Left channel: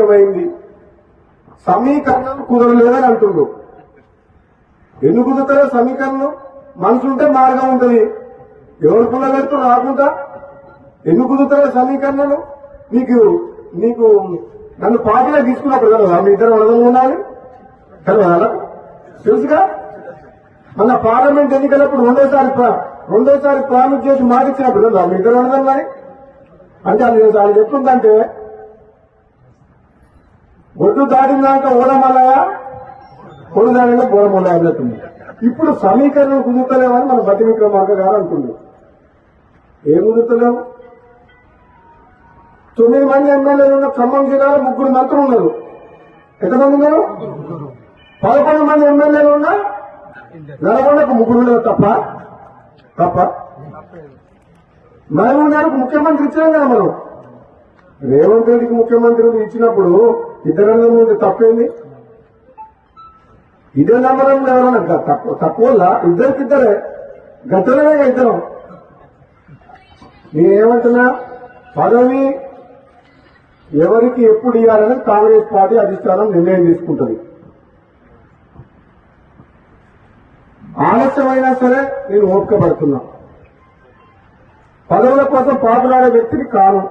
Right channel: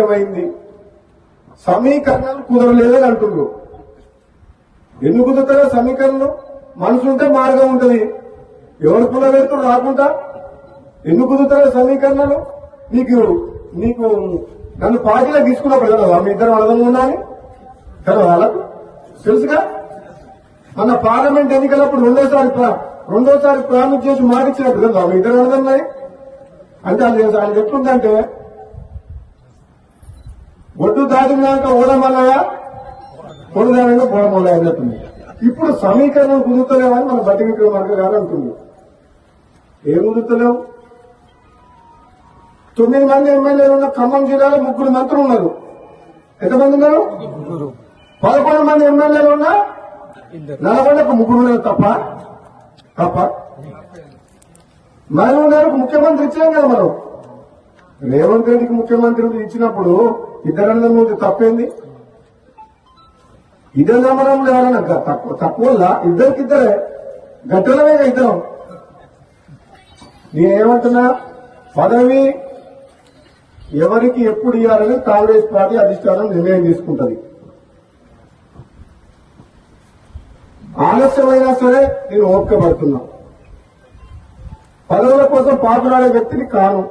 ఆలస్యమైంది, సమీకరణాలు కుదరలేదని అంటుండ్రు. ఎందుకు కుదురుతారో సమీకరణం? మనసుంటే మార్గం ఉంటుంది. ఎవరు కుదరలేదు రాకుండా ఎందుకు కుదురుతారో సమీకరణలు? నీకు నన్ను పార్టీలో తీసుకున్నప్పుడు కదా మీ ఇద్దరు అర్థం ఉన్నాను కదా, వాళ్ళకు తెలుసుగా. మన పార్లమెంట్ ఎన్నికలప్పుడు రెండోసారి ప్రామిస్ చేసి మాటిచ్చినప్పుడు కదా మీ ఇద్దరు అర్థం అంటే అది ఎట్లుందంటే ఒడ్డు దాటినాక ఓడమల్ల కొడుదానంగా గోడమల్ల అన్నట్టుంది. ఇప్పుడు సమీకరణం కుదురుతలేమని మన బట్టి విక్రమార్క గారు అంటుంది. ఏం కుదురుతలేం? 9 మంది ఎమ్మెల్యేలు ఉన్న ఖమ్మం జిల్లాలో 3 మంత్రులు ఉన్నారు. ఎంతమంది ఉన్నారు? 11 మంది ఎమ్మెల్యేలు ఉన్నా నల్గొండకు 3 ఉన్నారు తప్ప మహబూబ్నగర్కు ముఖ్యమంత్రి ఇచ్చినాం కదా మనం. రేవంత్ రెడ్డికి ముఖ్యమంత్రి ఇచ్చినప్పుడు ఇద్దరన్న మీద తప్పేంది? ఇదే నమ్మడం లేవన్నా తక్కువ ఇద్దరికిద్దరే గట్టలమే ఇద్దరం. నేనేమంటున్నా, పదవి ఎవరికి ఎప్పుడు ఇవ్వాలని కాంగ్రెస్ పార్టీ అధిష్టానం నిర్ణయం తీసుకుంటుంది. ఆలస్యమైనా సరే నేను ఓపిక పడుతున్నా. పదవుల కోసం పాపులాడే వ్యక్తిని కాను.